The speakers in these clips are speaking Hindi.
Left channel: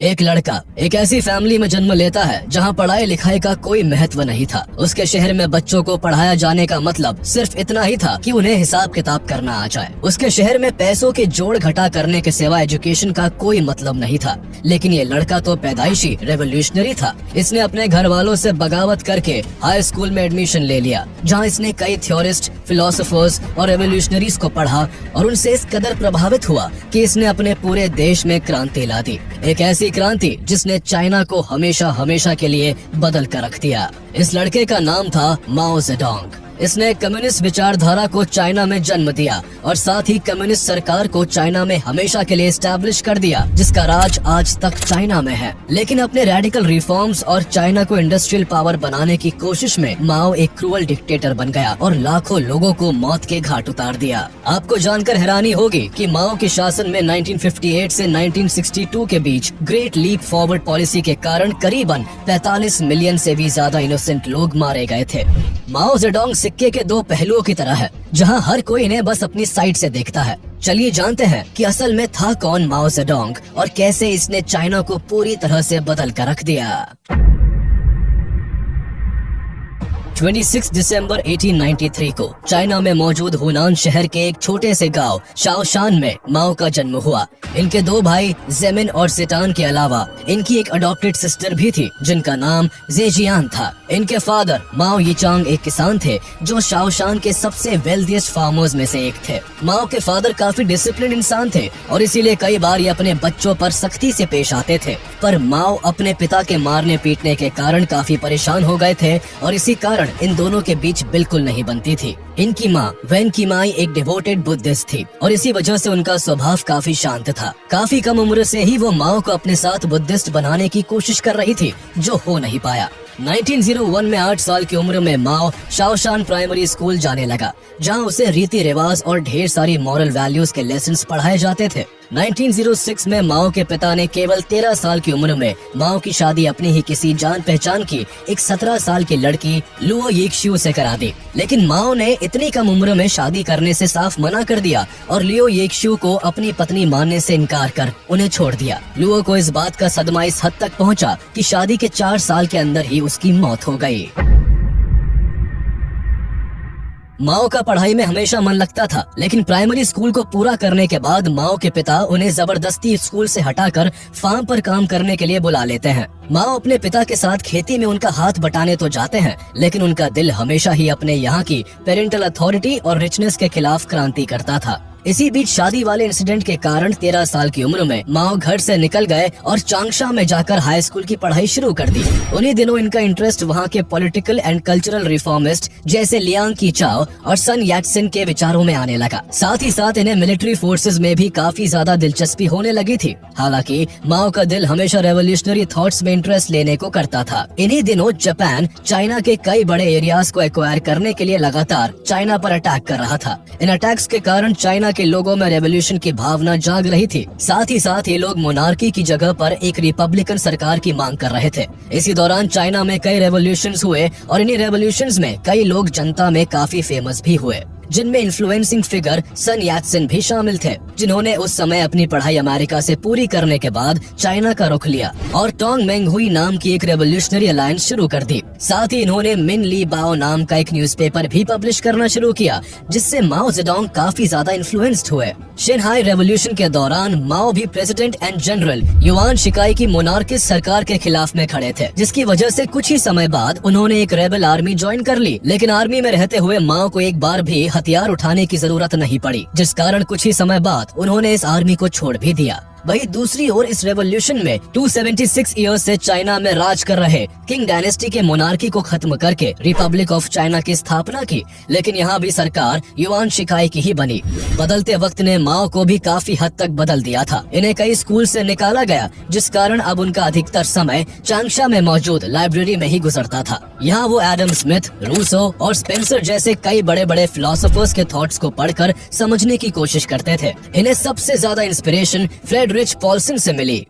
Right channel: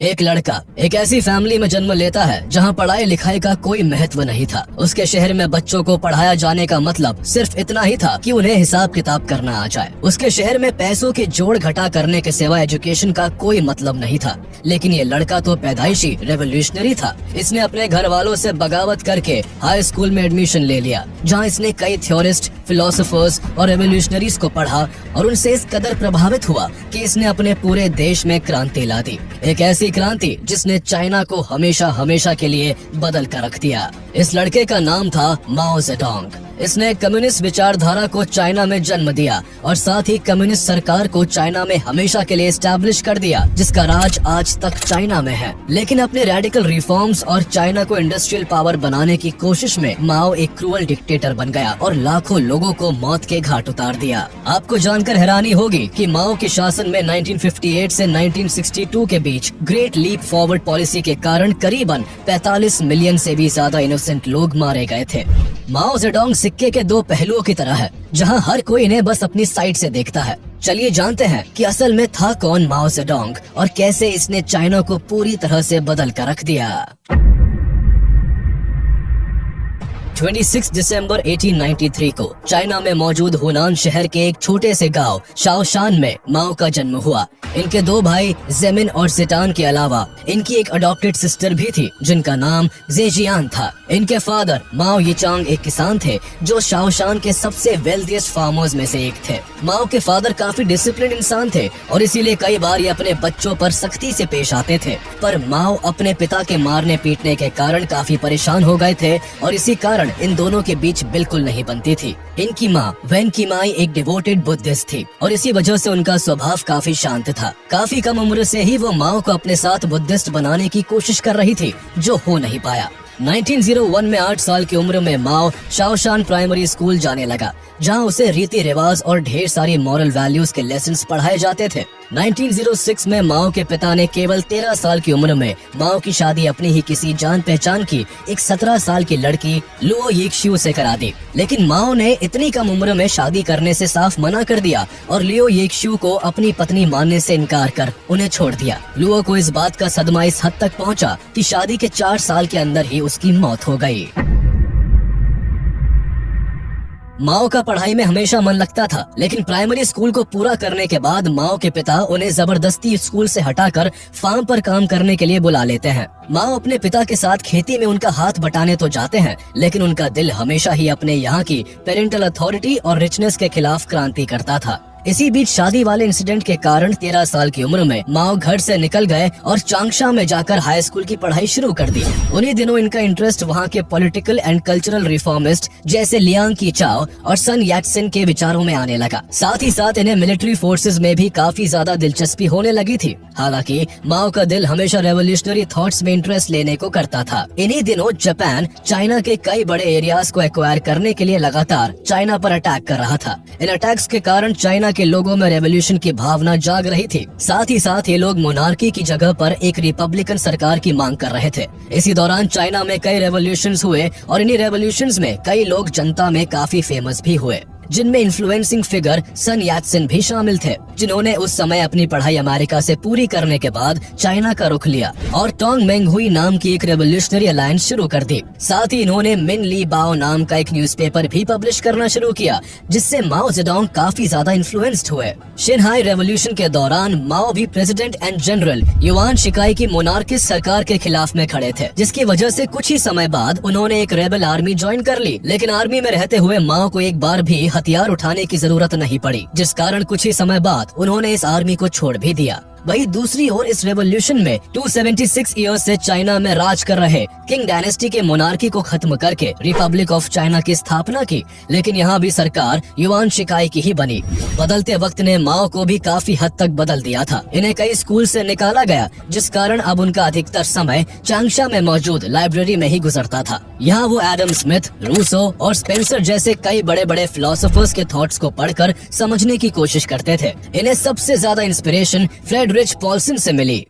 एक लड़का एक ऐसी फैमिली में जन्म लेता है जहां पढ़ाई लिखाई का कोई महत्व नहीं था। उसके शहर में बच्चों को पढ़ाया जाने का मतलब सिर्फ इतना ही था कि उन्हें हिसाब किताब करना आ जाए। उसके शहर में पैसों के जोड़ घटा करने के सिवा एजुकेशन का कोई मतलब नहीं था। लेकिन ये लड़का तो पैदाइशी रेवोल्यूशनरी था। इसने अपने घर वालों से बगावत करके हाई स्कूल में एडमिशन ले लिया, जहाँ इसने कई थ्योरिस्ट, फिलोसोफर्स और रेवोल्यूशनरीज को पढ़ा और उनसे इस कदर प्रभावित हुआ कि इसने अपने पूरे देश में क्रांति ला दी। एक ऐसी क्रांति जिसने चाइना को हमेशा हमेशा के लिए बदल कर रख दिया। इस लड़के का नाम था माओ जेडोंग। इसने कम्युनिस्ट विचारधारा को चाइना में जन्म दिया और साथ ही कम्युनिस्ट सरकार को चाइना में हमेशा के लिए एस्टैब्लिश कर दिया, जिसका राज आज तक चाइना में है। लेकिन अपने रेडिकल रिफॉर्म्स और चाइना को इंडस्ट्रियल पावर बनाने की कोशिश में माओ एक क्रूअल डिक्टेटर बन गया और लाखों लोगों को मौत के घाट उतार दिया। आपको जानकर हैरानी होगी कि माओ के शासन में 1958 से 1962 के बीच ग्रेट लीप फॉरवर्ड पॉलिसी के कारण करीबन 45 मिलियन से भी ज्यादा इनोसेंट लोग मारे गए थे। माओ जेडोंग सिक्के के दो पहलुओं की तरह है, जहां हर कोई इन्हें बस अपनी साइड से देखता है। चलिए जानते हैं कि असल में था कौन माओ जेडोंग और कैसे इसने चाइना को पूरी तरह से बदल कर रख दिया। 26 दिसंबर 1893 को चाइना में मौजूद हुनान शहर के एक छोटे से गांव शाओशान में माओ का जन्म हुआ। इनके दो भाई जेमिन और सिटान के अलावा इनकी एक अडॉप्टेड सिस्टर भी थी, जिनका नाम जेजियान था। इनके फादर माओ यीचांग एक किसान थे जो शाओशान के सबसे वेल्दिएस्ट फार्मर्स में से एक थे। माओ के फादर काफी डिसिप्लिन इंसान थे और इसीलिए कई बार ये अपने बच्चों पर सख्ती से पेश आते थे। पर माओ अपने पिता के मारने पीटने के कारण काफी परेशान हो गए थे और इसी कारण इन दोनों के बीच बिल्कुल नहीं बनती थी। इनकी माँ वैन कीमाई एक डिवोटेड बुद्धिस्ट थी और इसी वजह से उनका स्वभाव काफी शांत था। काफी कम उम्र से ही वो माओ को अपने साथ बुद्धिस्ट बनाने की कोशिश कर रही थी, जो हो नहीं पाया। 1901 में 8 साल की उम्र में माओ शाओशान प्राइमरी स्कूल जाने लगा, जहां उसे रीति रिवाज और ढेर सारी मॉरल वैल्यूज के लेसन्स पढ़ाए जाते थे। 1906 में माओ के पिता ने केवल 13 साल की उम्र में माओ की शादी अपनी ही किसी जान पहचान की एक 17 साल की लड़की लुओ यीक्शियो से करा दी। लेकिन माओ ने इतनी कम उम्र में शादी करने से साफ मना कर दिया और लियो यीक्शियो को अपनी पत्नी मानने से इनकार कर उन्हें छोड़ दिया। लुओ को इस बात का सदमा इस हद तक पहुंचा कि शादी के 4 साल के अंदर ही उसकी मौत हो गई। माओ का पढ़ाई में हमेशा मन लगता था, लेकिन प्राइमरी स्कूल को पूरा करने के बाद माओ के पिता उन्हें जबरदस्ती स्कूल से हटाकर फार्म पर काम करने के लिए बुला लेते हैं। माओ अपने पिता के साथ खेती में उनका हाथ बटाने तो जाते हैं, लेकिन उनका दिल हमेशा ही अपने यहाँ की पेरेंटल अथॉरिटी और रिचनेस के खिलाफ क्रांति करता था। इसी बीच शादी वाले इंसिडेंट के कारण 13 साल की उम्र में माओ घर से निकल गए और चांगशा में जाकर हाई स्कूल की पढ़ाई शुरू कर दी। उन्हीं दिनों इनका इंटरेस्ट वहाँ के पॉलिटिकल एंड कल्चरल रिफॉर्मिस्ट जैसे लियांग कीचाओ और सन याटसेन के विचारों में आने लगा। साथ ही साथ इन्हें मिलिट्री फोर्सेज में भी काफी ज्यादा दिलचस्पी होने लगी थी। हालांकि माओ का दिल हमेशा रेवोल्यूशनरी थॉट्स में इंटरेस्ट लेने को करता था। इन्हीं दिनों जापान चाइना के कई बड़े एरियाज को एक्वायर करने के लिए लगातार चाइना पर अटैक कर रहा था। इन अटैक्स के कारण चाइना के लोगों में रेवोल्यूशन की भावना जाग रही थी। साथ ही साथ ये लोग मोनार्की की जगह पर एक रिपब्लिकन सरकार की मांग कर रहे थे। इसी दौरान चाइना में कई रेवोल्यूशंस हुए और इन्हीं रेवोल्यूशंस में कई लोग जनता में काफी फेमस भी हुए, जिनमें इन्फ्लुएंसिंग फिगर सन याटसेन भी शामिल थे, जिन्होंने उस समय अपनी पढ़ाई अमेरिका से पूरी करने के बाद चाइना का रुख लिया और टोंग मेंग हुई नाम की एक रेवोल्यूशनरी अलायंस शुरू कर दी। साथ ही इन्होंने मिन ली बाओ नाम का एक न्यूज़पेपर भी पब्लिश करना शुरू किया, जिससे माओ जेडोंग काफी ज्यादा इन्फ्लुएंस्ड हुए। शिनहाई रेवोल्यूशन के दौरान माओ भी प्रेसिडेंट एंड जनरल युआन शिकाई की मोनार्किस्ट सरकार के खिलाफ में खड़े थे, जिसकी वजह से कुछ ही समय बाद उन्होंने एक रेबल आर्मी ज्वाइन कर ली। लेकिन आर्मी में रहते हुए माओ को एक बार भी हथियार उठाने की जरूरत नहीं पड़ी, जिस कारण कुछ ही समय बाद उन्होंने इस आर्मी को छोड़ भी दिया। वही दूसरी ओर इस रेवोल्यूशन में 276 ईयर्स से चाइना में राज कर रहे किंग डायनेस्टी के मोनार्की को खत्म करके रिपब्लिक ऑफ चाइना की स्थापना की। लेकिन यहाँ भी सरकार युआन शिकाई की ही बनी। बदलते वक्त ने माओ को भी काफी हद तक बदल दिया था। इन्हें कई स्कूल से निकाला गया, जिस कारण अब उनका अधिकतर समय चांगशा में मौजूद लाइब्रेरी में ही गुजरता था। यहाँ वो एडम स्मिथ, रूसो और स्पेंसर जैसे कई बड़े बड़े फिलोसोफर्स के थॉट्स को पढ़कर समझने की कोशिश करते थे। इन्हें सबसे ज्यादा इंस्पिरेशन फ्रेडरिच पॉल्सन से मिली।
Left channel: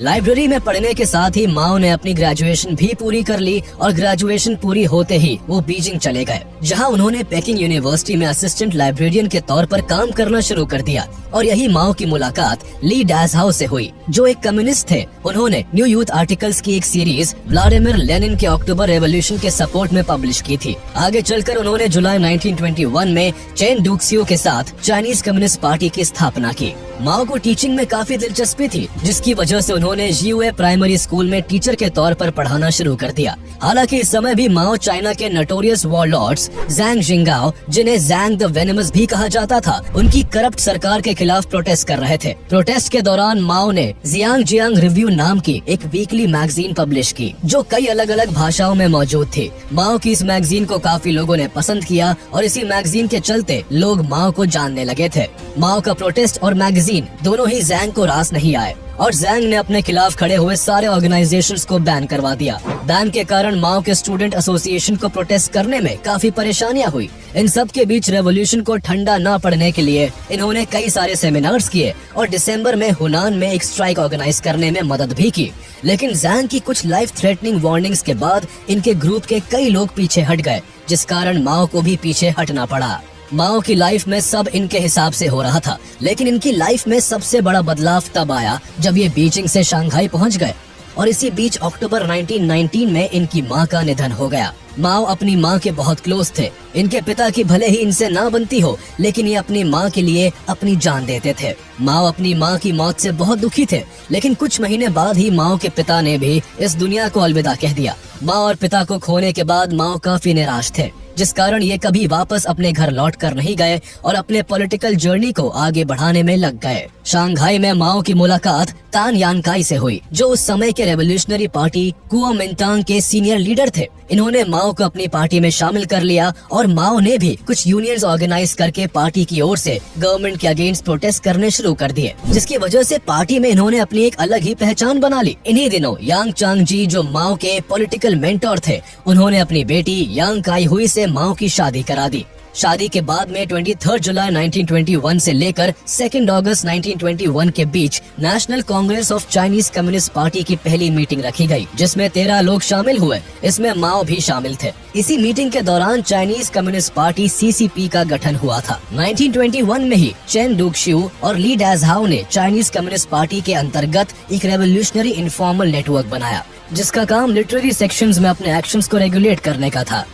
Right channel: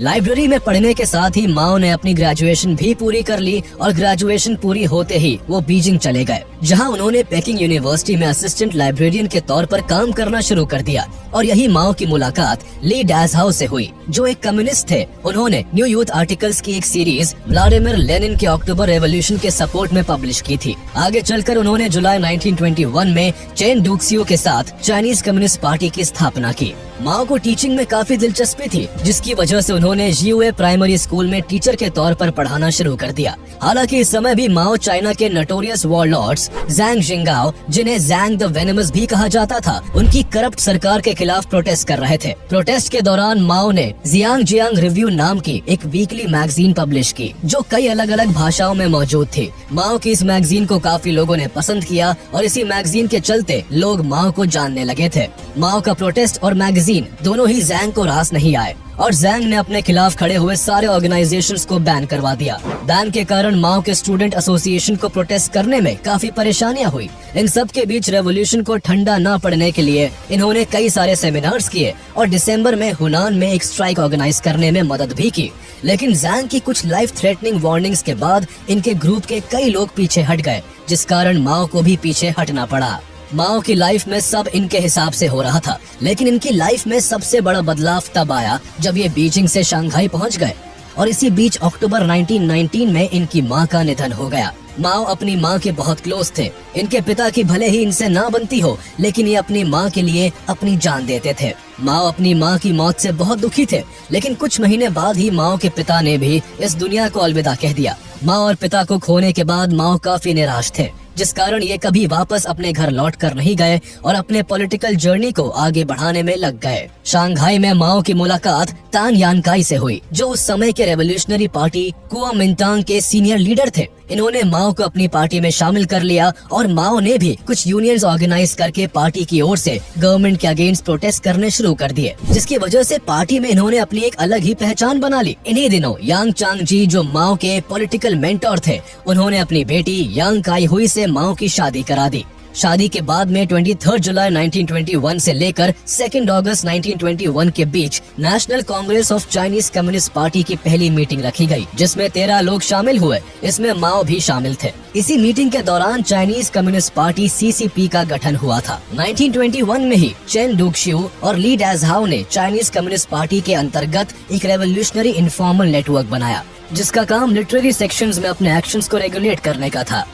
लाइब्रेरी में पढ़ने के साथ ही माओ ने अपनी ग्रेजुएशन भी पूरी कर ली और ग्रेजुएशन पूरी होते ही वो बीजिंग चले गए। जहां उन्होंने पेकिंग यूनिवर्सिटी में असिस्टेंट लाइब्रेरियन के तौर पर काम करना शुरू कर दिया। और यही माओ की मुलाकात ली डैसहाउ से हुई, जो एक कम्युनिस्ट थे। उन्होंने न्यू यूथ आर्टिकल्स की एक सीरीज व्लादिमीर लेनिन के अक्टूबर रेवोल्यूशन के सपोर्ट में पब्लिश की थी। आगे चलकर उन्होंने जुलाई 1921 में चेन डुक्सियो के साथ चाइनीज कम्युनिस्ट पार्टी की स्थापना की। माओ को टीचिंग में काफी दिलचस्पी थी, जिसकी वजह से उन्होंने जीयूए प्राइमरी स्कूल में टीचर के तौर पर पढ़ाना शुरू कर दिया। हालांकि इस समय भी माओ चाइना के नोटोरियस वॉरलॉर्ड्स ज़ैंग जिंगाओ, जिन्हें ज़ैंग द वेनमस भी कहा जाता था, उनकी करप्ट सरकार के खिलाफ प्रोटेस्ट कर रहे थे। प्रोटेस्ट के दौरान माओ ने जियांग जियांग रिव्यू नाम की एक वीकली मैगजीन पब्लिश की, जो कई अलग अलग भाषाओं में मौजूद थी। माओ की इस मैगजीन को काफी लोगों ने पसंद किया और इसी मैगजीन के चलते लोग माओ को जानने लगे थे। माओ का प्रोटेस्ट और मैगजीन दोनों ही ज़ैंग को रास नहीं आए और ज़ैंग ने अपने खिलाफ खड़े हुए सारे ऑर्गेनाइजेशंस को बैन करवा दिया। बैन के कारण माओ के स्टूडेंट एसोसिएशन को प्रोटेस्ट करने में काफी परेशानियां हुई। इन सब के बीच रेवोल्यूशन को ठंडा न पड़ने के लिए इन्होंने कई सारे सेमिनार्स किए और दिसंबर में हुनान में एक स्ट्राइक ऑर्गेनाइज करने में मदद भी की। लेकिन ज़ैंग की कुछ लाइफ थ्रेटनिंग वार्निंग्स के बाद इनके ग्रुप के कई लोग पीछे हट गए, जिस कारण माओ को भी पीछे हटना पड़ा। माओ की लाइफ में सब इनके हिसाब से हो रहा था, लेकिन इनकी लाइफ में सबसे बड़ा बदलाव तब आया जब ये बीजिंग से शंघाई पहुंच गए और इसी बीच अक्टूबर 1919 में इनकी मां का निधन हो गया। माओ अपनी मां के बहुत क्लोज थे। इनके पिता की भले ही इनसे ना बनती हो, लेकिन ये अपनी मां के लिए अपनी जान देते थे। माओ अपनी मां की मौत से बहुत दुखी थे, लेकिन कुछ महीने बाद ही माओ के पिता ने भी इस दुनिया को अलविदा कह दिया। मां और पिता को खोने के बाद माओ काफी निराश थे, जिस कारण ये कभी वापस अपने घर लौट कर नहीं गए और अपने पॉलिटिकल जर्नी को आगे बढ़ाने में लग गए। शंघाई में माओ की मुलाकात तान यानकाई से हुई, जो उस समय के रेवोल्यूशनरी पार्टी कुओमिंटांग के सीनियर लीडर थे। इन्होंने माओ को अपनी पार्टी में शामिल कर लिया और माओ ने भी कुछ यूनियंस ऑर्गेनाइज करके पार्टी की ओर से गवर्नमेंट के अगेंस्ट प्रोटेस्ट करने शुरू कर दिए, जिसकी वजह से पार्टी में इन्होंने अपनी एक अलग ही पहचान बना ली। इन्हीं दिनों यांग चांग जी, जो माओ के पॉलिटिकल मेंटोर थे, उन्होंने अपनी बेटी यांग काई हुई से माओ की शादी करा दी। शादी के बाद में 23 जुलाई 1921 से लेकर 2 अगस्त 1921 के बीच National Congress of Chinese Communist Party की पहली मीटिंग रखी गई, जिसमें 13 लोग शामिल हुए। इसमें माओ भी शामिल थे। इसी मीटिंग के दौरान चाइनीज कम्युनिस्ट पार्टी सीसीपी का गठन हुआ था। 1921 में ही चेन डुक्सियो और ली डैसहाउ ने चाइनीज कम्युनिस्ट पार्टी के अंतर्गत एक रेवोल्यूशनरी इनफॉर्मल नेटवर्क बनाया, जिसका काम लिटरेरी सेक्शंस में अपने एक्शंस को रेगुलेट करने का था।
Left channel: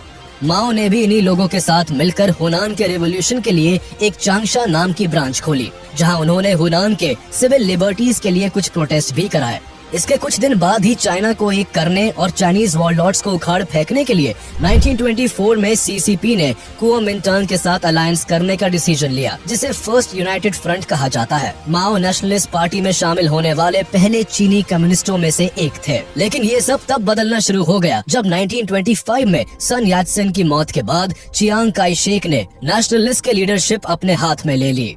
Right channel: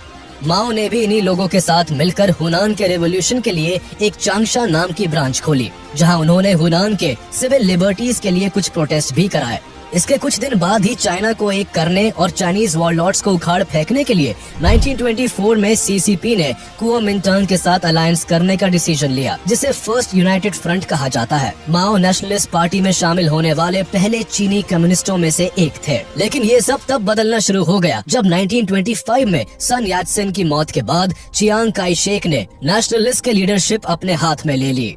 माओ ने भी इन्हीं लोगों के साथ मिलकर हुनान के रेवोल्यूशन के लिए एक चांगशा नाम की ब्रांच खोली, जहां उन्होंने हुनान के सिविल लिबर्टीज के लिए कुछ प्रोटेस्ट भी कराए। इसके कुछ दिन बाद ही चाइना को एक करने और चाइनीज वॉरलॉर्ड्स को उखाड़ फेंकने के लिए 1924 में सीसीपी ने कुओमिंटांग के साथ अलायंस करने का डिसीजन लिया, जिसे फर्स्ट यूनाइटेड फ्रंट कहा जाता है। माओ नेशनलिस्ट पार्टी में शामिल होने वाले पहले चीनी कम्युनिस्टों में से एक थे। लेकिन ये सब तब बदलना शुरू हो गया जब 1925 में सन यात्सेन की मौत के बाद चियांग काई शेक ने नेशनलिस्ट की लीडरशिप अपने हाथ में ले ली।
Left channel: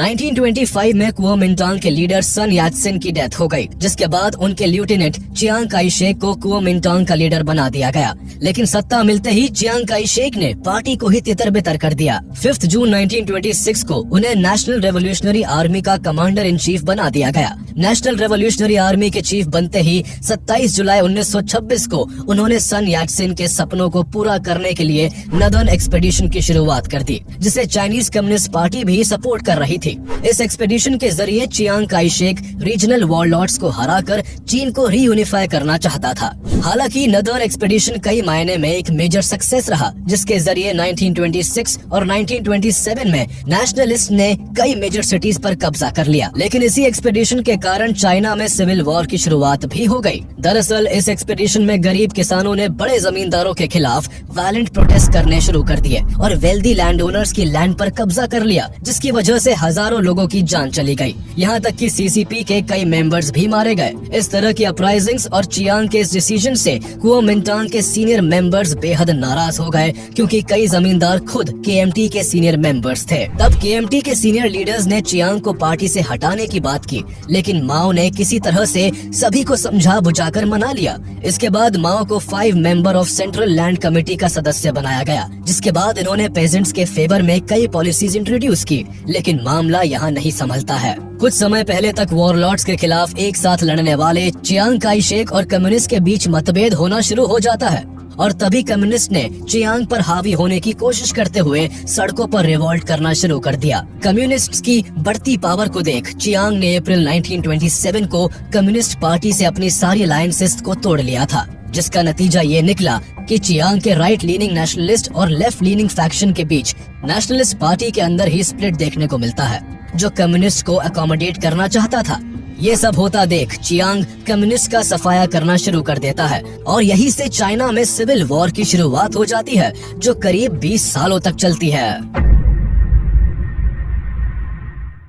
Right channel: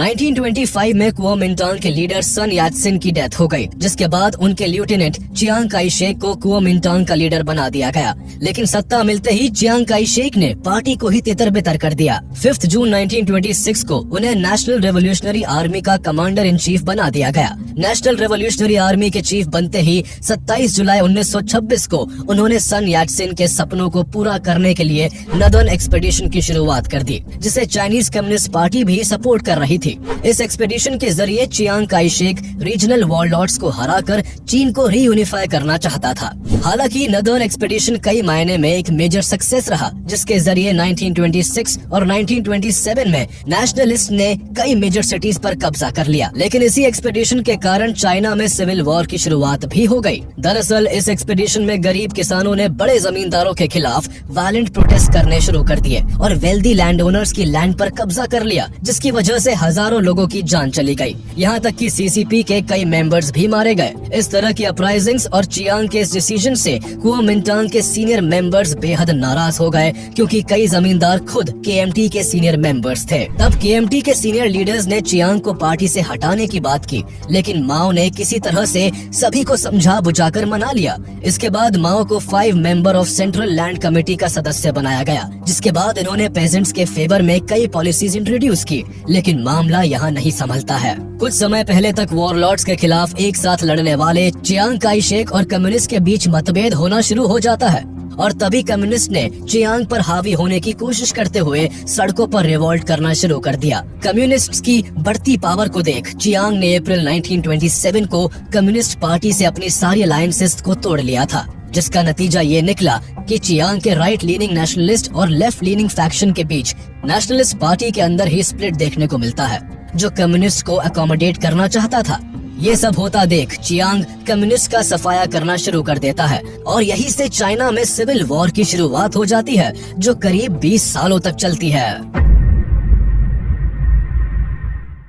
1925 में कुओमिंटांग के लीडर सन यात्सेन की डेथ हो गई, जिसके बाद उनके लेफ्टिनेंट चियांग काई शेक को कुओमिंटांग का लीडर बना दिया गया। लेकिन सत्ता मिलते ही चियांग काई शेक ने पार्टी को ही तितर-बितर कर दिया। 5 जून 1926 को उन्हें नेशनल रेवोल्यूशनरी आर्मी का कमांडर इन चीफ बना दिया गया। नेशनल रेवोल्यूशनरी आर्मी के चीफ बनते ही 27 जुलाई 1926 को उन्होंने सन यात्सेन के सपनों को पूरा करने के लिए नदर्न एक्सपेडिशन की शुरुआत कर दी, जिसे चाइनीज कम्युनिस्ट पार्टी भी सपोर्ट कर रही थी। इस एक्सपेडिशन के जरिए Chiang Kai Shek regional warlords को हराकर चीन को रीयूनिफाई करना चाहता था। हालांकि नदर्न एक्सपेडिशन कई मायने में एक मेजर सक्सेस रहा, जिसके जरिए 1926 और 1927 में नेशनलिस्ट ने कई मेजर सिटीज पर कब्जा कर लिया। लेकिन इसी एक्सपेडिशन के कारण चाइना में सिविल वॉर की शुरुआत भी हो गई। दरअसल इस एक्सपेडिशन में गरीब किसानों ने बड़े जमींदारों के खिलाफ वायलेंट प्रोटेस्ट करने शुरू कर दिए और वेल्दी लैंड ओनर्स की लैंड पर कब्जा कर लिया, जिसकी वजह से हजारों लोगों की जान चली गई। यहाँ तक कि सीसीपी के कई मेंबर्स भी मारे गए। इस तरह की अपराइजिंग्स और चियांग के इस डिसीजन से कुओमिंटांग के सीनियर मेंबर्स बेहद नाराज हो गए, क्योंकि कई जमींदार खुद केएमटी के सीनियर मेंबर्स थे। तब केएमटी के सीनियर लीडर्स ने चियांग को पार्टी से हटाने की बात की, लेकिन माओ ने किसी तरह से सभी को समझा बुझाकर मना लिया। इसके बाद माओ को 5 member of central land committee का सदस्य बनाया गया, जिसके बाद इन्होंने पेजेंट्स के फेवर में कई पॉलिसीज इंट्रोड्यूस की। लेकिन मामला यहाँ नहीं संभलता है। कुछ समय पहले तक वॉरलॉर्ड्स के खिलाफ एक साथ लड़ने वाले चियांग काई शेक और कम्युनिस्ट के बीच मतभेद होना शुरू हो जाता है और तभी कम्युनिस्ट ने चियांग पर हावी होने की कोशिश करते हुए सड़कों पर रिवोल्ट करना शुरू कर दिया। कम्युनिस्ट्स की बढ़ती पावर को देख चियांग ने अप्रैल 1927 को कम्युनिस्ट पार्टी से अपनी सारी अलायंसेस को तोड़ लिया था, जिसका नतीजा ये निकला कि चियांग के राइट लीनिंग नेशनलिस्ट और लेफ्ट लीनिंग फैक्शन के बीच नेशनलिस्ट पार्टी के अंदर ही स्प्लिट देखने को मिलता है, जो कम्युनिस्ट को अकोमोडेट करना चाहता था। ये सब होता देख चियांग कम्युनिस्ट का सफाया करना शुरू कर देता है और यहीं से चाइना में सिविल वॉर की शुरुआत हो जाती है, जो करीब 20 सालों तक चलती है।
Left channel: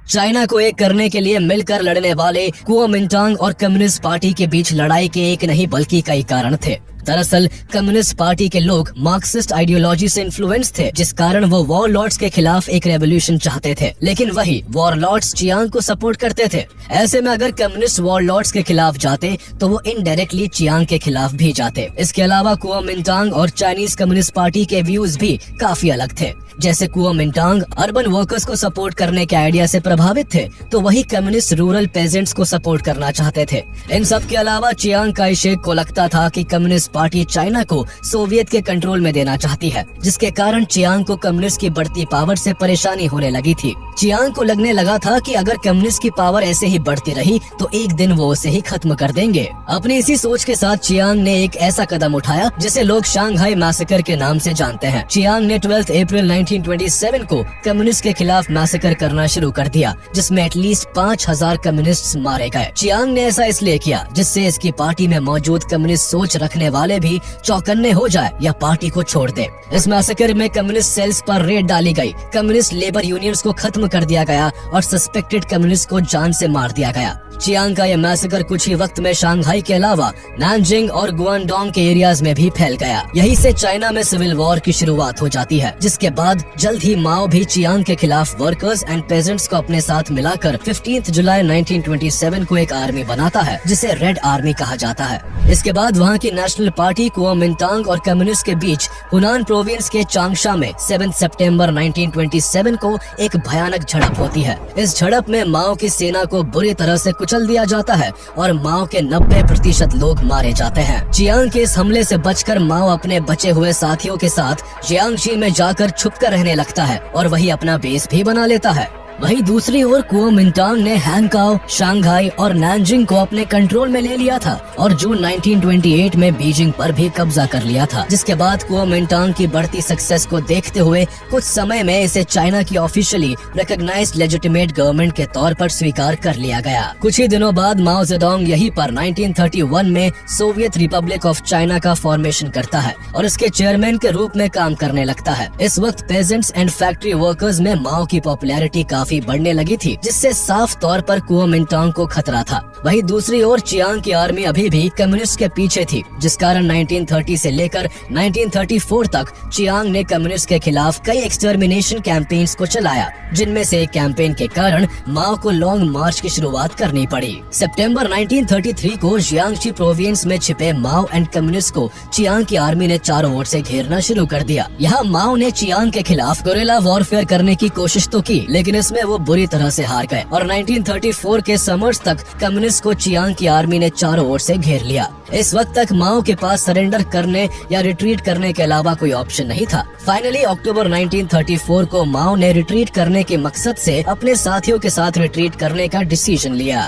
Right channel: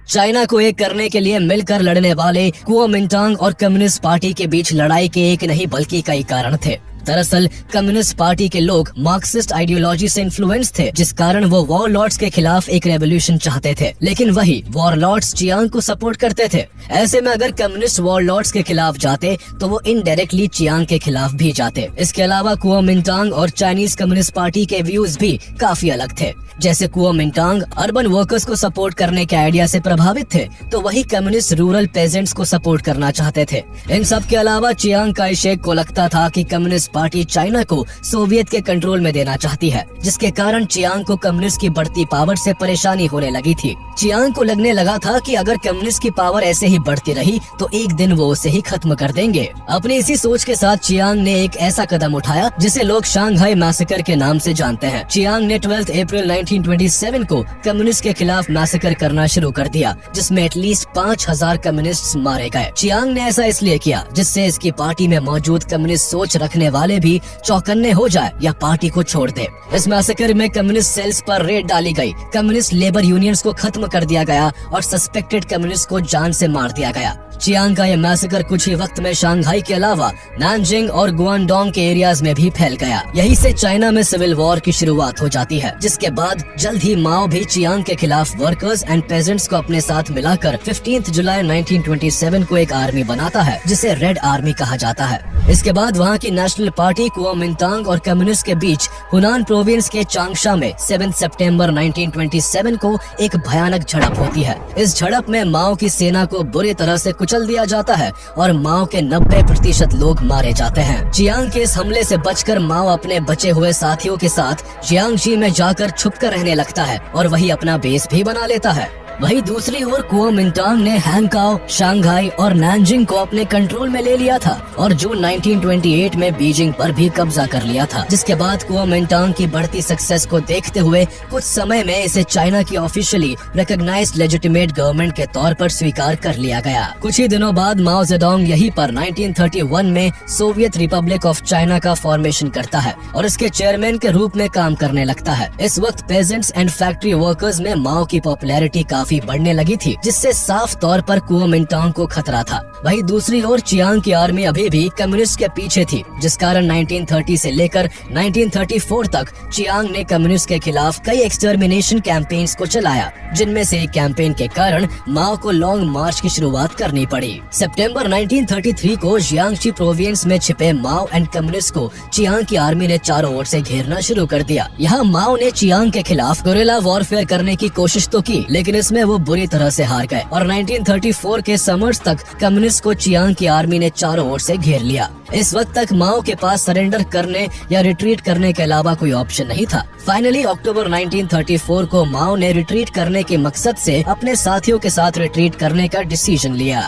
चाइना को एक करने के लिए मिलकर लड़ने वाले कुओमिंटांग और कम्युनिस्ट पार्टी के बीच लड़ाई के एक नहीं बल्कि कई कारण थे। दरअसल कम्युनिस्ट पार्टी के लोग मार्क्सिस्ट आइडियोलॉजी से इन्फ्लुएंस थे, जिस कारण वो वॉरलॉर्ड्स के खिलाफ एक रेवोल्यूशन चाहते थे, लेकिन वही वॉरलॉर्ड्स चियांग को सपोर्ट करते थे। ऐसे में अगर कम्युनिस्ट वॉरलॉर्ड्स के खिलाफ जाते तो वो इनडायरेक्टली चियांग के खिलाफ भी जाते। इसके अलावा कुओमिंटांग और चाइनीज कम्युनिस्ट पार्टी के व्यूज भी काफी अलग थे। जैसे कुओमिंटांग अर्बन वर्कर्स को सपोर्ट करने के आइडिया से प्रभावित थे, तो वही कम्युनिस्ट रूरल पेजेंट्स को सपोर्ट करना चाहते थे। इन सब के अलावा चियांग काई शेक को लगता था कि कम्युनिस्ट पार्टी चाइना को सोवियत के कंट्रोल में देना चाहती है, जिसके कारण चियांग को कम्युनिस्ट की बढ़ती पावर से परेशानी होने लगी थी। चियांग को लगने लगा था कि अगर कम्युनिस्ट की पावर ऐसे ही बढ़ती रही तो एक दिन वो उसे ही खत्म कर देंगे। अपनी इसी सोच के साथ चियांग ने एक ऐसा कदम उठाया जिसे लोग शांघाई मैसेकर के नाम से जानते हैं। चियांग ने 12 अप्रैल 1927 को कम्युनिस्ट के खिलाफ मैसेकर करना शुरू कर दिया, जिसमें एटलीस्ट 5000 कम्युनिस्ट मारे गए। चियांग ने ऐसा इसलिए किया जिससे इसकी पार्टी में मौजूद कम्युनिस्ट सोच रखने वाले भी चौकन्ने हो जाए या पार्टी को छोड़ दे। इस मैसेकर में कम्युनिस्ट सेल्स पर रेड डाली गई, कम्युनिस्ट लेबर यूनियंस को खत्म कर दिया गया और सस्पेक्टेड कम्युनिस्ट को जान से मार दिया गया। चियांग का ये मैसेकर कुछ ही वक्त में शांघाई के अलावा नानजिंग और गुआंगडोंग के एरियाज में भी फैल गया। यहीं से चाइना में सिविल वॉर की शुरुआत हो जाती है, जिसके बाद जल्द ही माओ भी चियांग के खिलाफ वर्कर्स एंड पेजेंट्स को अपने साथ मिलाकर 15 जुलाई 1927 को एक आर्मी बनाता है, जिसे रेड आर्मी कहा जाता है। इसके बाद वहाँ की नेशनल पार्टी कुओमिंटांग और कम्युनिस्ट के बीच हुनान प्रोविंस के चांगशा में 7 सितंबर 1927 को एक भयानक झड़प होती है। इस झड़प में माओ की सेना को बुरी तरह से कुचल दिया जाता है और माओ के 90% लोग मारे जाते हैं। चियांग के इस हमले से बचकर माओ अपने बचे हुए साथियों के साथ जियांगशी में जाकर छुपकर रहने लगता है और वही अपना बेस भी बना लेता है। वहीं दूसरी ओर कुओमिंटांग ने हैंगकाओ, शांघाई और नानजिंग को अपने कंट्रोल में ले लिया था और जून 1928 में बीजिंग पर भी कब्जा कर लिया था, जिसके बाद कुओमिंटांग की बढ़ती सक्सेस को देखते हुए कुछ समय में इसे चाइना की ऑफिशियली रिकॉग्नाइज्ड लेजिटिमेट गवर्नमेंट के तौर पर स्वीकार कर लिया गया। कुछ ही दिनों बाद माओ जेडोंग यहीं पर 1931 में सोवियत रिपब्लिक ऑफ चाइना का फॉर्मेशन करता है और इसके चेयरमैन के रूप में काम करने लगता है। इस वक्त पेजेंट्स एंड फैक्ट्री वर्कर्स में माओ की पॉपुलैरिटी काफी बढ़ने लगी थी, जिससे साफ तौर पर कुओमिंटांग को खतरा था। वहीं दूसरी ओर चियांग की आर्मी अभी भी कम्युनिस्ट के पीछे थी, जिस कारण 1930 से लेकर 1934 तक चियांग ने कम्युनिस्ट के खिलाफ कई एक्सटर्मिनेशन कैंपेन्स को चलाया, जिनमें से एक कैंपेन के कारण माओ को लॉन्ग मार्च की शुरुआत करनी पड़ी। सितंबर 1933 को जियांगशी प्रोविंस में छिपे माओ एंड कम्युनिस्ट को चियांग की आर्मी ने चारों ओर से घेरना शुरू कर दिया। यहाँ माओ ने चियांग के खिलाफ गुरिल्ला वॉरफेयर करने की कोशिश तो की, लेकिन इसमें वो बुरी तरह से हार गए और 1934 के समर्स तक कम्युनिस्ट को चियांग की आर्मी ने चारों ओर से घेर लिया। इस वक्त तक माओ के पास सरेंडर करने या रिट्रीट करने के अलावा कोई ऑप्शन नहीं था। फाइनली अक्टूबर 1934 को माओ ने रिट्रीट करने के मकसद से अपने साथियों के साथ रिट्रीट करने का डिसीजन लिया।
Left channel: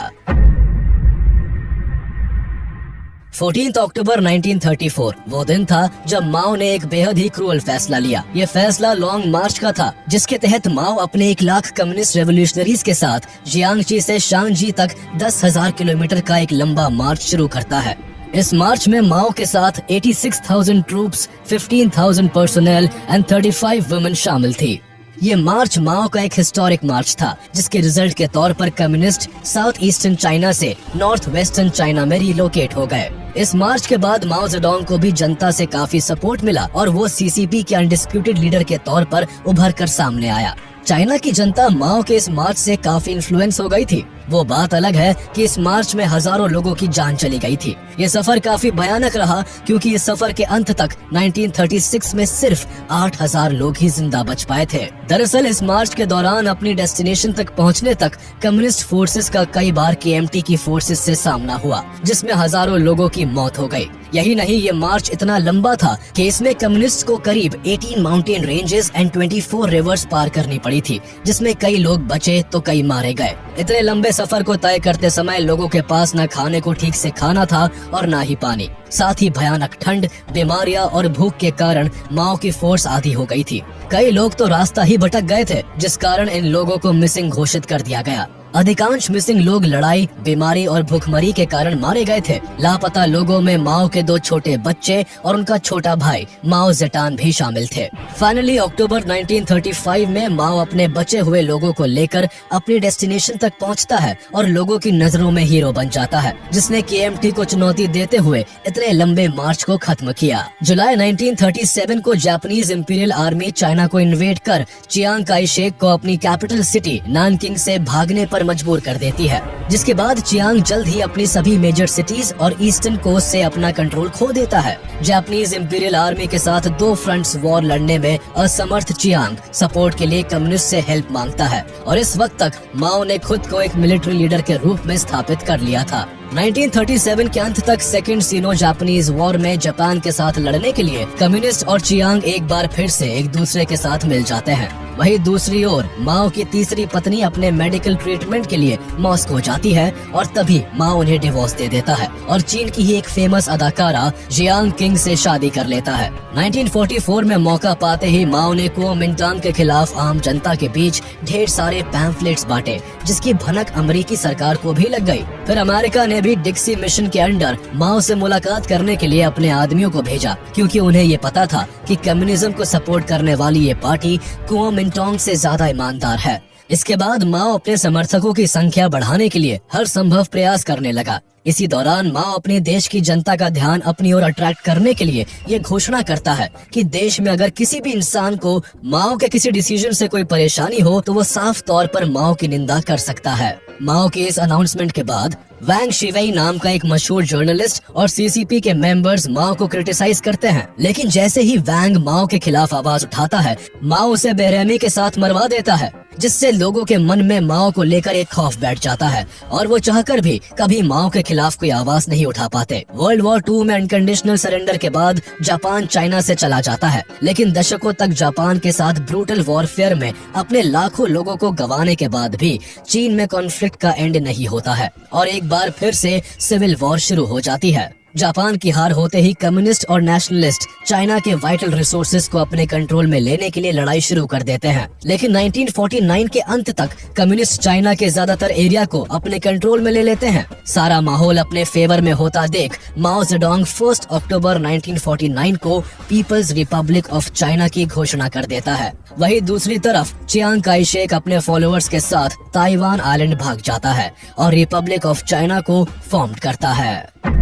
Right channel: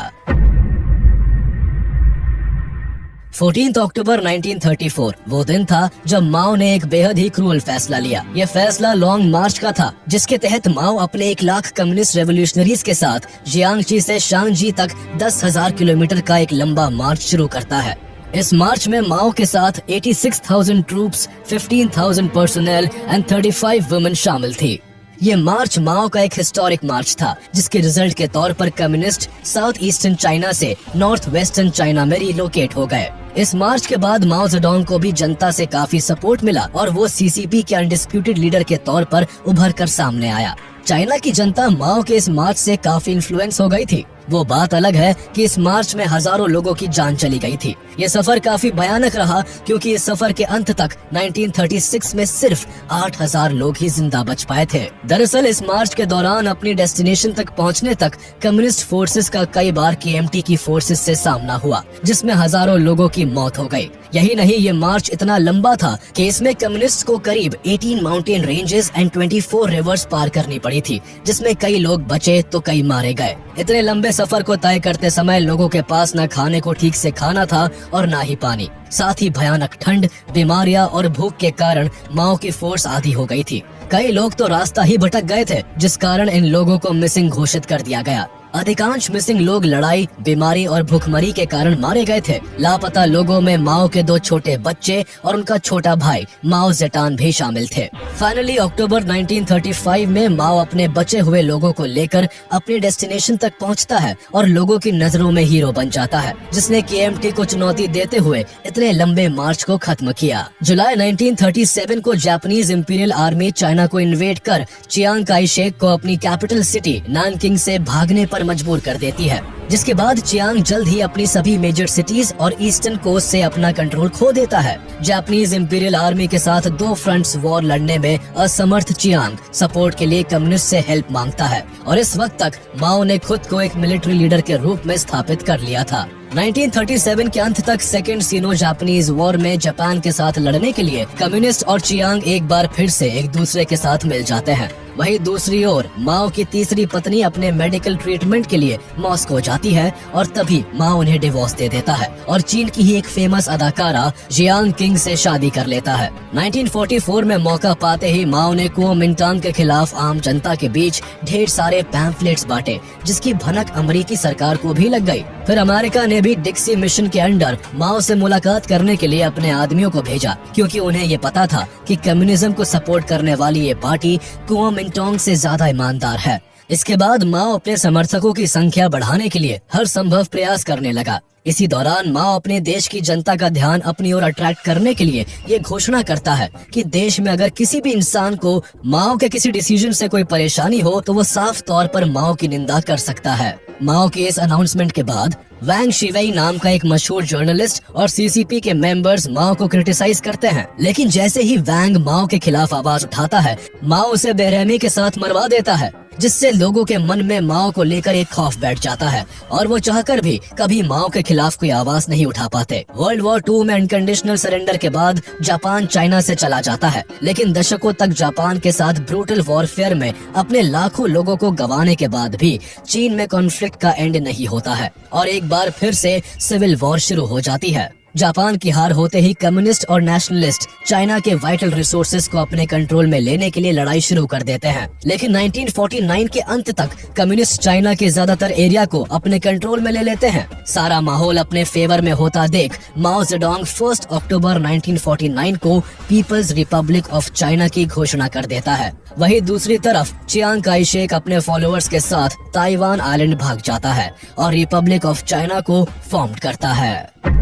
14 अक्टूबर 1934 वो दिन था जब माओ ने एक बेहद ही क्रूअल फैसला लिया। ये फैसला लॉन्ग मार्च का था, जिसके तहत माओ अपने 1 लाख कम्युनिस्ट रेवोल्यूशनरीज के साथ जियांगशी से शांगजी तक 10,000 किलोमीटर का एक लंबा मार्च शुरू करता है। इस मार्च में माओ के साथ 86,000 ट्रूप्स, 15,000 पर्सोनेल एंड 35 वुमेन शामिल थी। ये मार्च माओ का एक हिस्टोरिक मार्च था, जिसके रिजल्ट के तौर पर कम्युनिस्ट साउथ ईस्टर्न चाइना से नॉर्थ वेस्टर्न चाइना में रिलोकेट हो गए। इस मार्च के बाद माओ जेडोंग को भी जनता से काफी सपोर्ट मिला और वो सीसीपी के अनडिस्प्यूटेड लीडर के तौर पर उभर कर सामने आया। चाइना की जनता माओ के इस मार्च से काफी इन्फ्लुएंस हो गई थी। वो बात अलग है कि इस मार्च में हजारों लोगों की जान चली गई थी। ये सफर काफी भयानक रहा क्योंकि इस सफर के अंत तक 1936 में सिर्फ 8,000 लोग ही जिंदा बच पाए थे। दरअसल इस मार्च के दौरान अपनी डेस्टिनेशन तक पहुंचने तक कम्युनिस्ट फोर्सेस का कई बार KMT की फोर्सेस से सामना हुआ, जिसमें हजारों लोगों की मौत हो गई। यही नहीं, ये मार्च इतना लंबा था कि इसमें कम्युनिस्ट को करीब 18 माउंटेन रेंजेस एंड 24 रिवर्स पार करनी पड़ी थी, जिसमें कई लोग बचे तो कई मारे गए। इतने लंबे सफर को तय करते समय लोगों के पास न खाने को ठीक से खाना था और न ही पानी। साथ ही भयानक ठंड, बीमारियां और भूख के कारण माओ की फोर्स आधी हो गई थी। कई लोग तो रास्ता ही भटक गए थे, जिस कारण इन लोगों को मिसिंग घोषित कर दिया गया। अधिकांश मिसिंग लोग लड़ाई, बीमारी और भूखमरी के कारण मारे गए थे। लापता लोगों में माओ के 2 छोटे बच्चे और उनका छोटा भाई माओ जेटान भी शामिल थे। फाइनली अक्टूबर 1935 में माओ अपने बचे हुए लोगों को लेकर अपनी डेस्टिनेशन तक पहुंचता है और लोगों की नजरों में हीरो बन जाता है, जिसने KMT को चुनौती देते हुए इतने लंबे मार्च को खत्म किया। जुलाई 1937 को जापानीज इंपीरियल आर्मी चाइना को इन्वेड कर चियांग काई शेक को अपनी कैपिटल सिटी नानकिंग से भागने पर मजबूर कर देती है, जिसके बाद चियांग जल्द ही अपनी सभी मेजर सिटीज और ईस्टर्न कोस्ट से अपना कंट्रोल खो देता है। जापानीज इंपीरियल आर्मी के साथ 2 फ्रंट्स वॉर लड़ने में असमर्थ चियांग सपोर्ट के लिए कम्युनिस्ट से हेल्प मांगता है और इस वक्त तक माओ ने खुद को एक मिलिट्री लीडर के रूप में स्थापित कर लिया था। 1937 के अंत तक सेकेंड सीनो जापानीज वॉर में जापान के साथ लड़ने के लिए कम्युनिस्ट और चियांग एक बार फिर से एक दूसरे के साथ मिल जाते हैं। वहीं दूसरी ओर माओ की तीसरी पत्नी अपने मेडिकल ट्रीटमेंट के लिए मॉस्को जाती है और तभी माओ उन्हें डिवोर्स दे देता है और चीन की ही एक फेमस अदाकारा जियांग किंग से शादी कर लेता है। 1944 में मौका पाते ही माओ ने कुओमिंटांग के खिलाफ आम जनता के बीच ढेर सारे पैम्फलेट्स बांटे, जिसकी भनक अमेरिकी सरकार को भी लग गई। फिर अमेरिका ने भी डिक्सी मिशन के अंडर माओ से मुलाकात करने के लिए अपने आदमियों को भेजा, क्योंकि उन्हें ये पता था कि कम्युनिज्म को सपोर्ट करने वाली ये पार्टी कुओमिंटांग से ज्यादा ईमानदार है। इसके बाद माओ अपने समर्थकों की संख्या बढ़ाने के लिए हर संभव प्रयास करने लगा। इसी दौरान माओ अपने देश की जनता का ध्यान अपनी ओर अट्रैक्ट करने के लिए ये घोषणा करता है कि देश में अगर किसी भी इंसान को माओ के किसी डिसीजन से कोई परेशानी हो तो वो साफ तौर पर माओ की निंदा कर सकता है। माओ के इस अनाउंसमेंट के बाद वैंग शिवेई नाम का एक मशहूर जर्नलिस्ट और CCP के मेंबर्स माओ को क्रिटिसाइज करते हैं, लेकिन जैसे ही वैंग माओ के खिलाफ आवाज उठाता है, माओ उसे बेरहमी के साथ मरवा देता है, जिससे लोगों के मन में माओ को लेकर एक खौफ बैठ जाता है और वो चाहकर भी कभी माओ के खिलाफ कोई आवाज नहीं उठा पाते। वर्ल्ड वॉर 2 में अनकंडीशनल सरेंडर के बाद जापान चाइना से चला जाता है, लेकिन दशकों तक जापान के साथ ब्रूटल वॉरफेयर में अपने लाखों लोगों को गंवाने के बाद भी चीन में कॉन्फ्लिक्ट का एंड नहीं होता है और एक बार फिर से सिविल वॉर शुरू हो जाती है। जापान की हार होते ही कम्युनिस्ट और नेशनलिस्ट चाइना के वाइटल रिसोर्सेज को अपने कंट्रोल में लेने के लिए लड़ाई शुरू कर देते हैं, लेकिन 1949 के अंत तक कम्युनिस्ट चाइना के ज्यादातर एरिया को अपने कंट्रोल में ले लेते हैं। सारा माहौल अपने फेवर में होता देख माओ जेडोंग 1 अक्टूबर 1949 को पीपल्स रिपब्लिक ऑफ चाइना की घोषणा कर देता है। वहीं दूसरी तरफ चियांग काई शेक अपने फॉलोअर्स के साथ ताइवान आइलैंड भाग जाता है और रिपब्लिक ऑफ चाइना को फॉर्म करता है।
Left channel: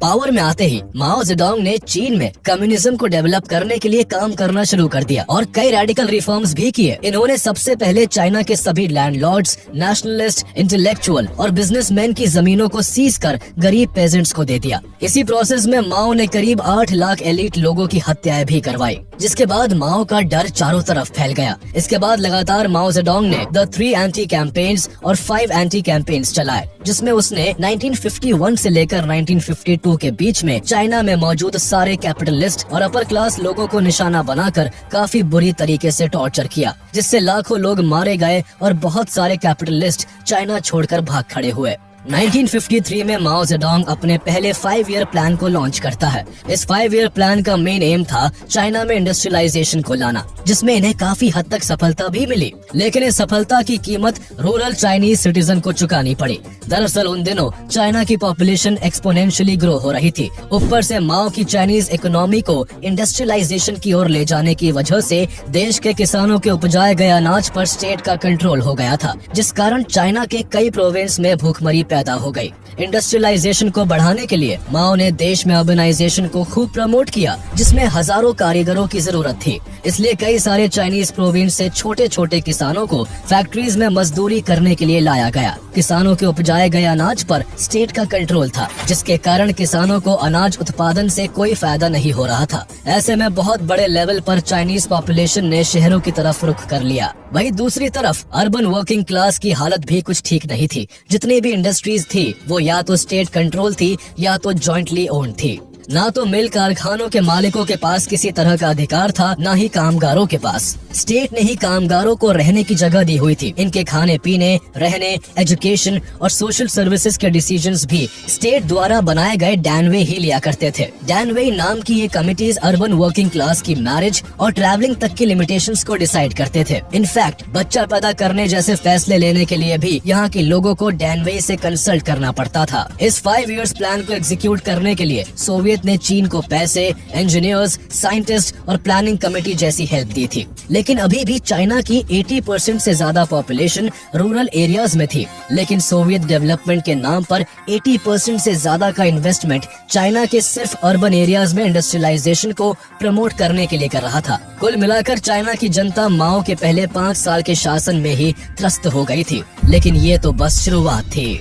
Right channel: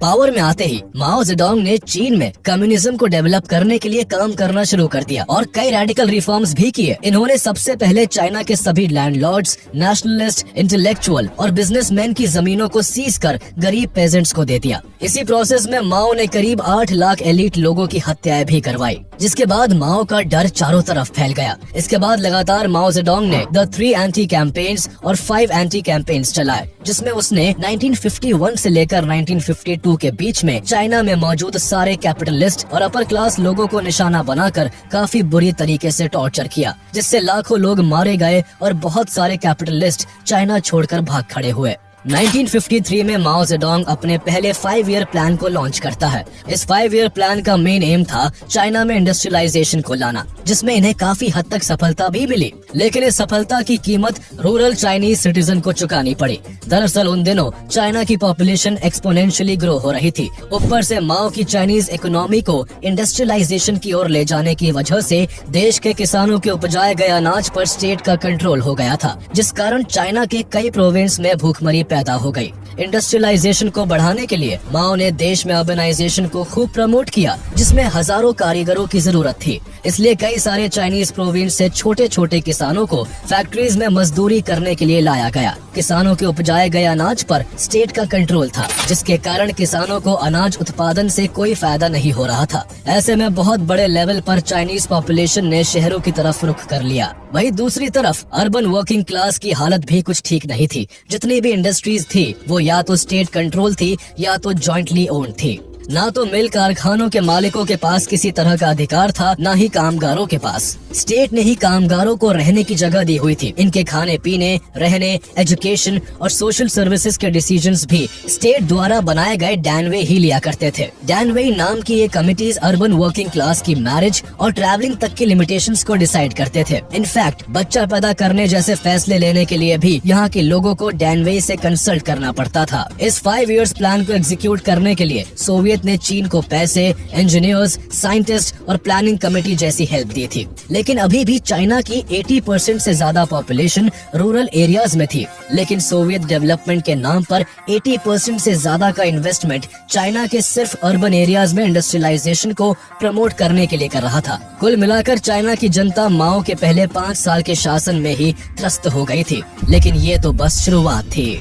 पावर में आते ही माओ जेडोंग ने चीन में कम्युनिज्म को डेवलप करने के लिए काम करना शुरू कर दिया और कई रेडिकल रिफॉर्म्स भी किए। इन्होंने सबसे पहले चाइना के सभी लैंडलॉर्ड्स, नेशनलिस्ट, इंटेलेक्चुअल और बिजनेसमैन की जमीनों को सीज कर गरीब पेजेंट्स को दे दिया। इसी प्रोसेस में माओ ने करीब 8 लाख एलिट लोगों की हत्याएं भी करवाई, जिसके बाद माओ का डर चारों तरफ फैल गया। इसके बाद लगातार माओ जेडोंग ने द 3 एंटी कैंपेन्स और 5 एंटी कैंपेन्स चलाए, जिसमें उसने 1951 से लेकर 1952 के बीच में चाइना में मौजूद सारे कैपिटलिस्ट और अपर क्लास लोगों को निशाना बनाकर काफी बुरी तरीके से टॉर्चर किया, जिससे लाखों लोग मारे गए और बहुत सारे कैपिटलिस्ट चाइना छोड़कर भाग खड़े हुए। 1953 में माओ जेडोंग अपने पहले 5 ईयर प्लान को लॉन्च करता है। इस 5 ईयर प्लान का मेन एम था चाइना में इंडस्ट्रियलाइजेशन को लाना, जिसमें इन्हें काफी हद तक सफलता भी मिली, लेकिन इस सफलता की कीमत रूरल चाइनीज सिटीजन को चुकानी पड़ी। दरअसल उन दिनों चाइना की पॉपुलेशन एक्सपोनेंशियली ग्रो हो रही थी। ऊपर से माओ की चाइनीज इकोनॉमी को इंडस्ट्रियलाइजेशन की ओर ले जाने की वजह से देश के किसानों के उपजाए गए अनाज पर स्टेट का कंट्रोल हो गया था, जिस कारण चाइना के कई प्रोविंस में भूखमरी पैदा हो गई। इंडस्ट्रियलाइजेशन को बढ़ाने के लिए माओ ने देश में अर्बनाइजेशन को खूब प्रमोट किया, जिसमें हजारों कारीगरों की जरूरत थी। इसलिए कई सारे चाइनीज प्रोविंस से छोटे छोटे किसानों को फैक्ट्रीज में मजदूरी करने के लिए लाया गया। किसानों के उपजाए गए अनाज पर स्टेट का कंट्रोल था, जिसके कारण किसानों को अनाज उत्पादन से कोई फायदा नहीं हो रहा था। ऐसे में बहुत बड़े लेवल पर चाइनीज पॉपुलेशन ने शहरों की तरफ रुख कर लिया। वहीं दूसरी तरफ अर्बन वर्किंग क्लास की हालत भी कुछ ठीक नहीं थी। जितनी भी इंडस्ट्रीज थी वो या तो स्टेट कंट्रोल थी या तो जॉइंटली ओन्ड थी। ना तो मिल कारखानों के मालिकों के पास किसी तरह का अधिकार था, ना ही कामगारों के पास। स्टेट ने ही कामगारों को रहने की जगह दी हुई थी। इनके खाने पीने, रहने, एजुकेशन और सोशल सर्विसेज के डिसीजंस भी स्टेट द्वारा बनाए गए डैनवे ही लिया करते थे। डैनवे नाम की ये कमिटीज अर्बन वर्किंग क्लास की मैरिज और ट्रैवलिंग तक की लिमिटेशंस को डिसाइड करते थे। इनफैक्ट बच्चा पैदा करने जैसे फैसले लेने के लिए भी यहाँ के लोगों को डैनवे से कंसल्ट करना पड़ता था। इस 5 इयर्स प्लान को एग्जीक्यूट करने के लिए सोवियत ने चीन को पैसे, इंजीनियर्स, साइंटिस्ट और प्लानिंग कमेटी जैसी हेल्प दी थी। लेकिन अभी भी चाइना की 80% से ज्यादा पॉपुलेशन रूरल एरियाज में थी। लेकिन सोवियत डेवलपमेंट के नाम पर 80% से ज्यादा का इन्वेस्टमेंट चाइना के सिर्फ अर्बन एरियाज में इंडस्ट्रियलाइजेशन को प्रमोट करने के लिए कर रहा था। कुल मिलाकर चाइना की जनता माओ के पहले 5 साल के शासन में ही त्रस्त हो गई थी। लेकिन ये तो बस शुरुआत थी।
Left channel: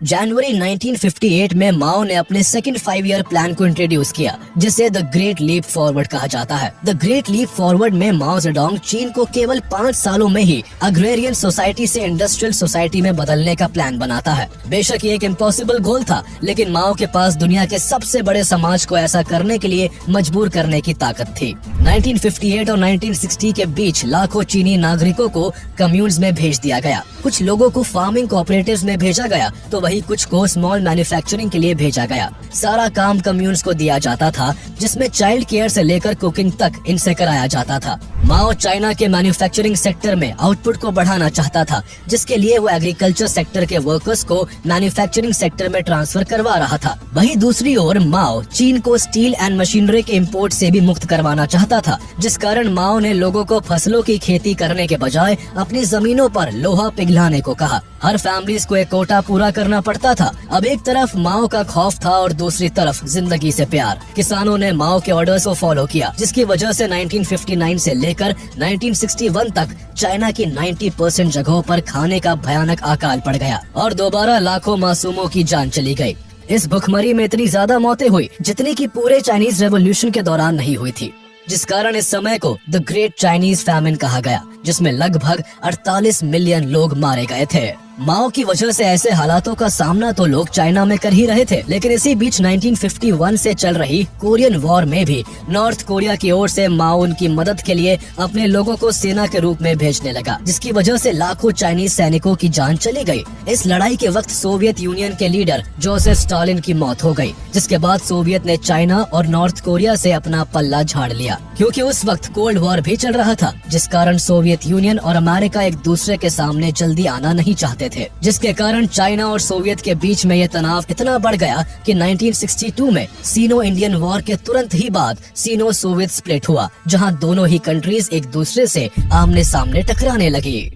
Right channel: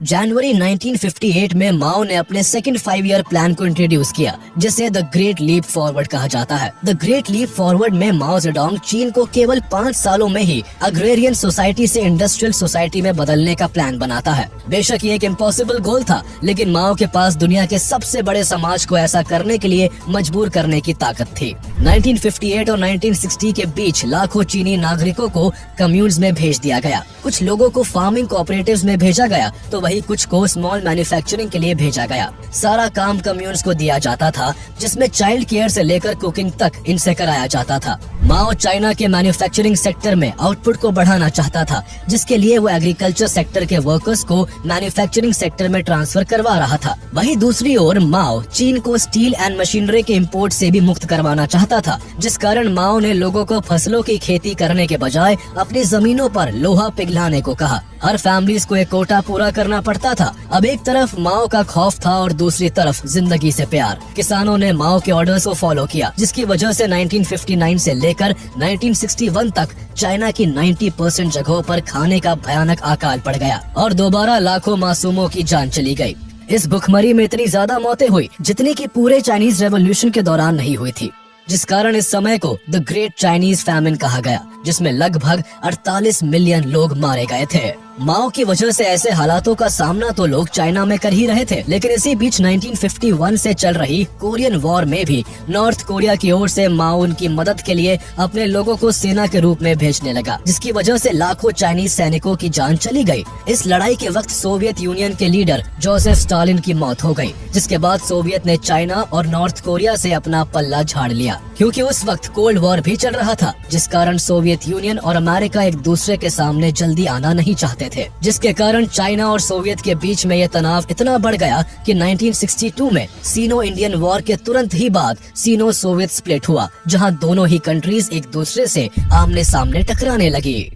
जनवरी 1958 में माओ ने अपने सेकंड 5 ईयर प्लान को इंट्रोड्यूस किया, जिसे द ग्रेट लीप फॉरवर्ड कहा जाता है। द ग्रेट लीप फॉरवर्ड में माओ जेडोंग चीन को केवल 5 सालों में ही अग्रेरियन सोसाइटी से इंडस्ट्रियल सोसाइटी में बदलने का प्लान बनाता है। बेशक ये एक इम्पॉसिबल गोल था, लेकिन माओ के पास दुनिया के सबसे बड़े समाज को ऐसा करने के लिए मजबूर करने की ताकत थी। 1958 और 1960 के बीच लाखों चीनी नागरिकों को कम्यून्स में भेज दिया गया। कुछ लोगों को फार्मिंग कोऑपरेटिव्स में भेजा गया, तो वही कुछ को स्मॉल मैन्युफैक्चरिंग के लिए भेजा गया। सारा काम कम्यून्स को दिया जाता था, जिसमें चाइल्ड केयर से लेकर कुकिंग तक इनसे कराया जाता था। माओ चाइना के मैन्युफैक्चरिंग सेक्टर में आउटपुट को बढ़ाना चाहता था, जिसके लिए वो एग्रीकल्चर सेक्टर के वर्कर्स को मैन्युफैक्चरिंग सेक्टर में ट्रांसफर करवा रहा था। वहीं दूसरी ओर माओ चीन को स्टील एंड मशीनरी के इम्पोर्ट से भी मुक्त करवाना चाहता था, जिस कारण माओ ने लोगों को फसलों की खेती करने के बजाय अपनी जमीनों पर लोहा पिघलाने को कहा। हर फैमिलीज को एक कोटा पूरा करना पड़ता था। अब एक तरफ माओ का खौफ था और दूसरी तरफ जिंदगी से प्यार। किसानों ने माओ के ऑर्डर्स को फॉलो किया, जिसकी वजह से 1959 से लेकर 1961 तक चाइना की 90% जगहों पर खाने का भयानक अकाल पड़ गया और दोबारा लाखों मासूमों की जान चली गई। इस भुखमरी में इतनी ज्यादा मौतें हुई जितनी की पूरे चाइनीज रेवोल्यूशन के दौरान नहीं हुई थी, जिस कारण इस समय को द ग्रेट चाइनीज फैमिन कहा गया, जिसमें लगभग 48 मिलियन लोग मारे गए थे। माओ की वजह से ऐसे हालातों का सामना तो लोग चाइना में कर ही रहे थे, लेकिन इसी बीच 1951 से चल रही कोरियन वॉर में भी नॉर्थ कोरिया की ओर से माओ उनकी मदद के लिए अपने लोगों को सेना के रूप में भेजने लगा, जिसकी वजह से लाखों चाइनीज सैनिकों की जान चली गई। इस लड़ाई के वक्त सोवियत यूनियन के लीडर जोसेफ स्टालिन की मौत हो गई, जिसके बाद सोवियत ने चाइना और नॉर्थ कोरिया से अपना पल्ला झाड़ लिया, क्योंकि उस वक्त कोल्ड वॉर भी चल रहा था, जिस कारण सोवियत यूनियन और अमेरिका एक दूसरे के सामने जल्दी आना नहीं चाहते थे, जिसके कारण चाइना और सोवियत के बीच में ये तनाव इतना बढ़ गया कि 1962 में सीनो इंडियन वॉर के तुरंत ही बाद सीनो सोवियत स्प्लिट हुआ, जहां दोनों ही कंट्रीज एक दूसरे से आमने सामने टकराने लगी।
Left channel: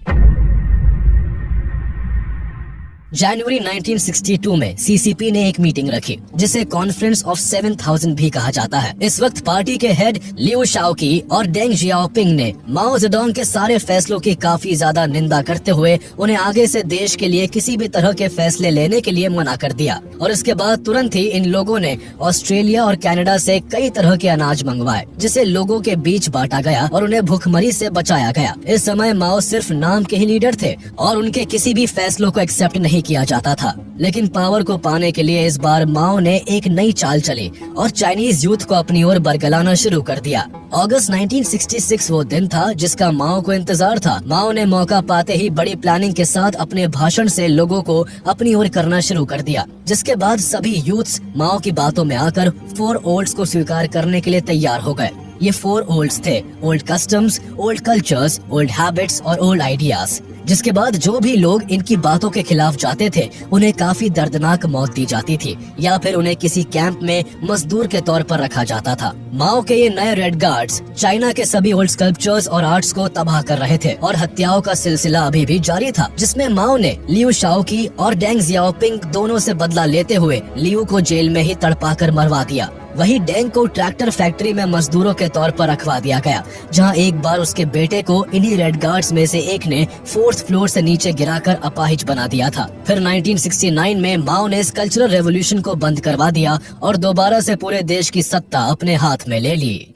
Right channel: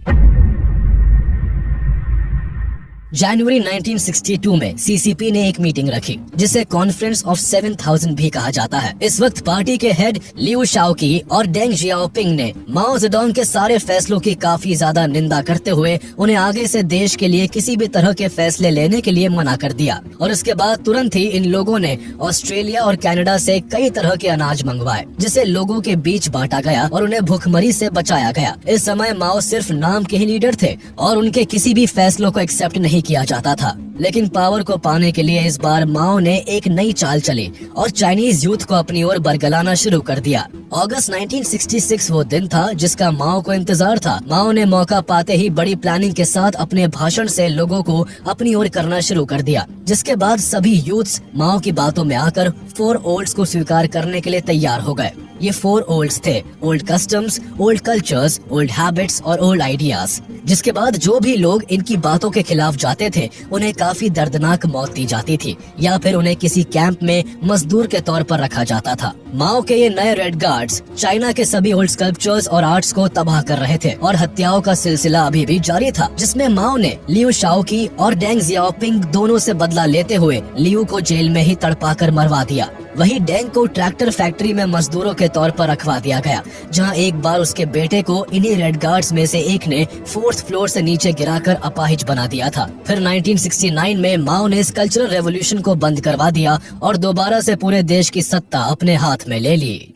जनवरी 1962 में सीसीपी ने एक मीटिंग रखी, जिसे कॉन्फ्रेंस ऑफ 7000 भी कहा जाता है। इस वक्त पार्टी के हेड लियू शाओकी और डेंग जियाओपिंग ने माओ जेडोंग के सारे फैसलों की काफी ज्यादा निंदा करते हुए उन्हें आगे से देश के लिए किसी भी तरह के फैसले लेने के लिए मना कर दिया। और इसके बाद तुरंत ही इन लोगों ने ऑस्ट्रेलिया और कनाडा से कई तरह के अनाज मंगवाए, जिसे लोगों के बीच बांटा गया और उन्हें भूखमरी से बचाया गया। इस समय माओ सिर्फ नाम के ही लीडर थे और उनके किसी भी फैसलों को एक्सेप्ट नहीं किया जाता था। लेकिन पावर को पाने के लिए इस बार माओ ने एक नई चाल चली और चाइनीज यूथ को अपनी ओर बरगलाना शुरू कर दिया। अगस्त 1966 वो दिन था जिसका माओ को इंतजार था। माओ ने मौका पाते ही बड़ी प्लानिंग के साथ अपने भाषण से लोगों को अपनी ओर करना शुरू कर दिया, जिसके बाद सभी यूथ्स माओ की बातों में आकर 4 ओल्ड्स को स्वीकार करने के लिए तैयार हो गए। ये 4 ओल्ड्स थे: old customs, old cultures, old habits और ओल्ड आइडियाज। जिसके बाद जो भी लोग इनकी बातों के खिलाफ जाते थे उन्हें काफी दर्दनाक मौत दी जाती थी या फिर उन्हें किसी कैंप में मजदूर के तौर पर रखा जाता था। माओ के ये नए रेड गार्ड्स चाइना के सभी ओल्ड स्कल्पचर्स और आर्ट्स को तबाह कर रहे थे और हत्याओं का सिलसिला अभी भी जारी था, जिसमें माओ ने लियू शाओकी और डेंग जियाओपिंग दोनों से बदला लेते हुए लियू को जेल में ही तड़पा कर मरवा दिया। वही डेंग को ट्रैक्टर फैक्ट्री में मजदूरों के तौर पर रखवा दिया गया, जहां एक बार उसके बेटे को इन्हीं रेड गार्ड्स में से एक ने 4th फ्लोर से नीचे गिराकर अपाहिज बना दिया था। फिर 1969 में माओ ने इस कल्चरल रेवोल्यूशन को बंद करवा दिया और दोबारा से पूरे देश की सत्ता अपने हाथ में ले ली।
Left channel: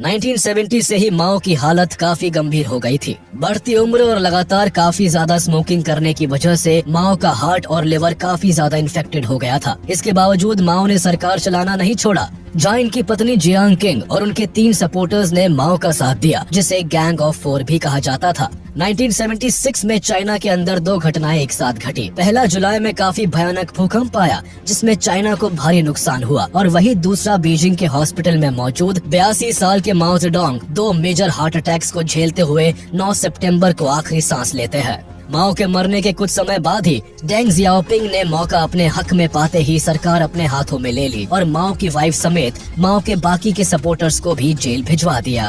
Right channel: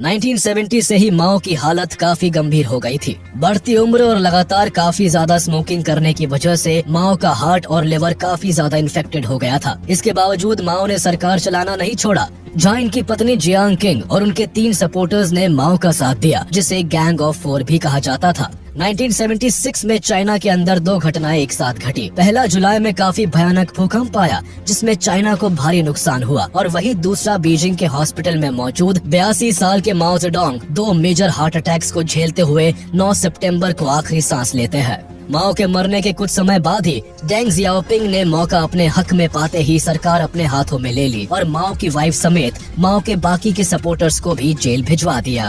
1970 से ही माओ की हालत काफी गंभीर हो गई थी। बढ़ती उम्र और लगातार काफी ज्यादा स्मोकिंग करने की वजह से माओ का हार्ट और लिवर काफी ज्यादा इन्फेक्टेड हो गया था। इसके बावजूद माओ ने सरकार चलाना नहीं छोड़ा, जहां इनकी पत्नी जियांग किंग और उनके 3 सपोर्टर्स ने माओ का साथ दिया, जिसे गैंग ऑफ 4 भी कहा जाता था। 1976 में चाइना के अंदर 2 घटनाएं एक साथ घटी। पहला जुलाई में काफी भयानक भूकंप आया जिसमें चाइना को भारी नुकसान हुआ, और वही दूसरा बीजिंग के हॉस्पिटल में मौजूद 82 साल के Mao Zedong 2 major heart attacks को झेलते हुए 9 सितंबर को आखिरी सांस लेते हैं। माओ के मरने के कुछ समय बाद ही डेंग जियाओपिंग ने मौका अपने हक में पाते ही सरकार अपने हाथों में ले ली और माओ की वाइफ समेत माओ के बाकी के सपोर्टर्स को भी जेल भिजवा दिया।